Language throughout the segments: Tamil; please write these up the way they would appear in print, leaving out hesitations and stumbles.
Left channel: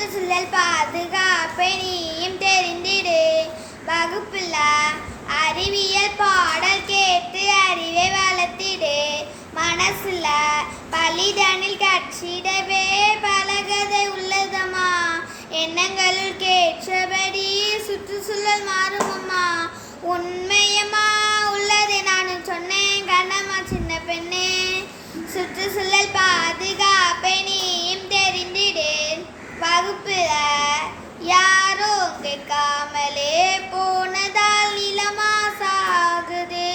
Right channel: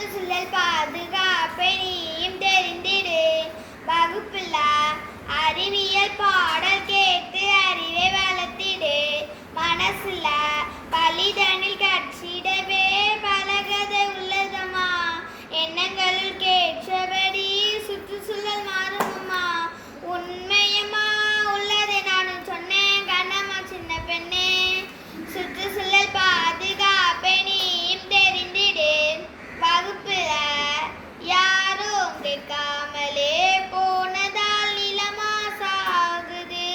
சுற்றுச்சூழல் பாதுகாப்பை நீயும் தெரிந்திடு. வகுப்புல அறிவியல் பாடல் கேட்டு அறிவை வளர்த்திடு. மனசுல பலிதனில் கட்சிடவே பலகதை உள்ளதம்மா. எண்ணங்களுள் கேற்றபடி சுற்றுச்சூழல் மாறுமம்மா. உண்மையம்மா உள்ளது நானும் சொன்னேன் கண்ணம்மா சின்ன பெண்ணே. சுற்றுச்சூழல் பாதுகாப்பை நீயும் தெரிந்திடு. வகுப்புல யாரோ கேட்காமலே போனதால் நிலமாசாகுது.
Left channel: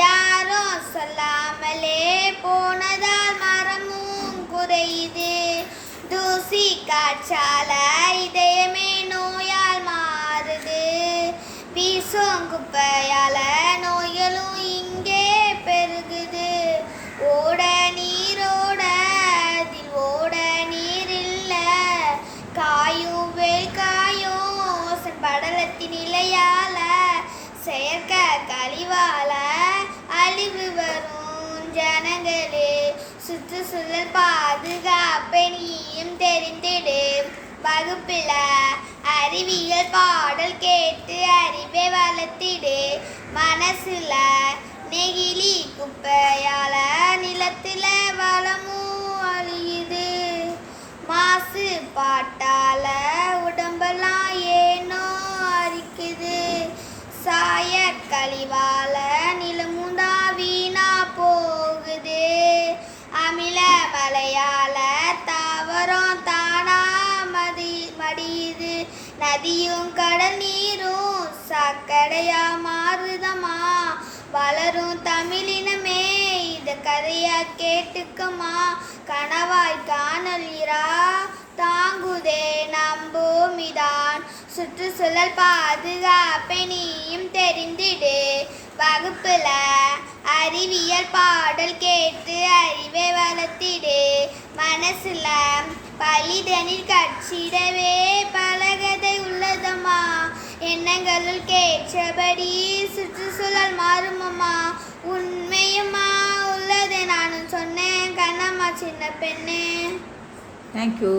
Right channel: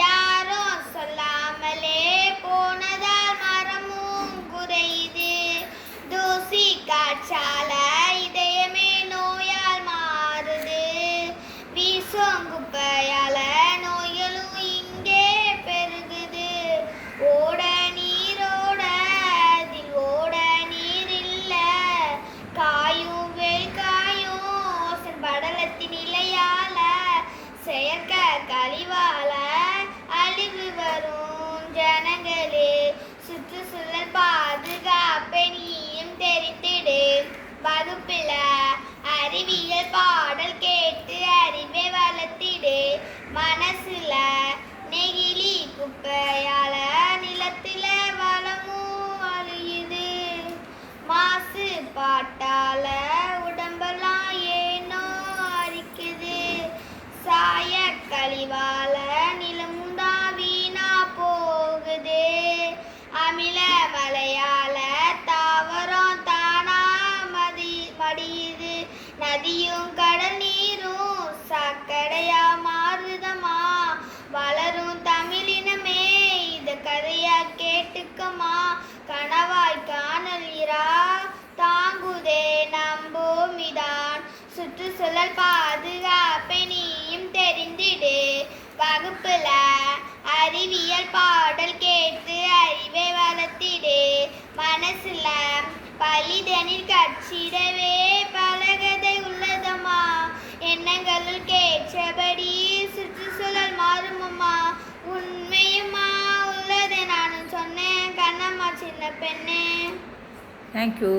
யாரோ சொல்லாமலே போனதால் மரமும் குறையுது. தூசி காற்றால இதயமே நோயால் மாறுது. வீசும் குப்பையால நோய்களும் இங்கே பெருகுது. ஓட நீரோட அதில் ஓட நீர் இல்ல. காயும் வெயில் காயும் படலத்தின் நிலையால செயற்கை கழிவால அழிவு வரும் ஜனங்களே. சுற்றுச்சூழல் பாதுகாப்பை நீயும் தெரிந்திடு. வகுப்புல அறிவியல் பாடல் கேட்டு அறிவை வளர்த்திடு. மனசுல நெகிழி குப்பையால நிலத்துல வளமும் அழியுது. மாசு பாட்டால உடம்பெல்லாம் ஏனோ அரிக்குது. சாய கழிவால நிலமுந்தா வீணா போகுது. அமில மழையால தாவரம் தானா மடியுது. நதியும் கடல் நீரும் சாக்கடையா மாறுதம்மா. வளரும் தமிழினமே இத கதையா கேட்டுக்கம்மா. கனவாய் காணலிரா தாங்குதே நம்பூமிதான். சுற்றுச்சூழல் பாதுகாப்பை நீயும் தெரிந்திடு. வகுப்புல அறிவியல் பாடல் கேட்டு அறிவை வளர்த்திடு. மனசுல பலிதனில் கட்சிடவே பலகதை உள்ளதம்மா. எண்ணங்களுள் கேற்றபடி சுற்றுச்சூழல் மாறுமம்மா. உண்மையம்மா உள்ளதை நானும் சொன்னேன் கண்ணம்மா சின்ன பெண்ணே. தேங்க்யூ.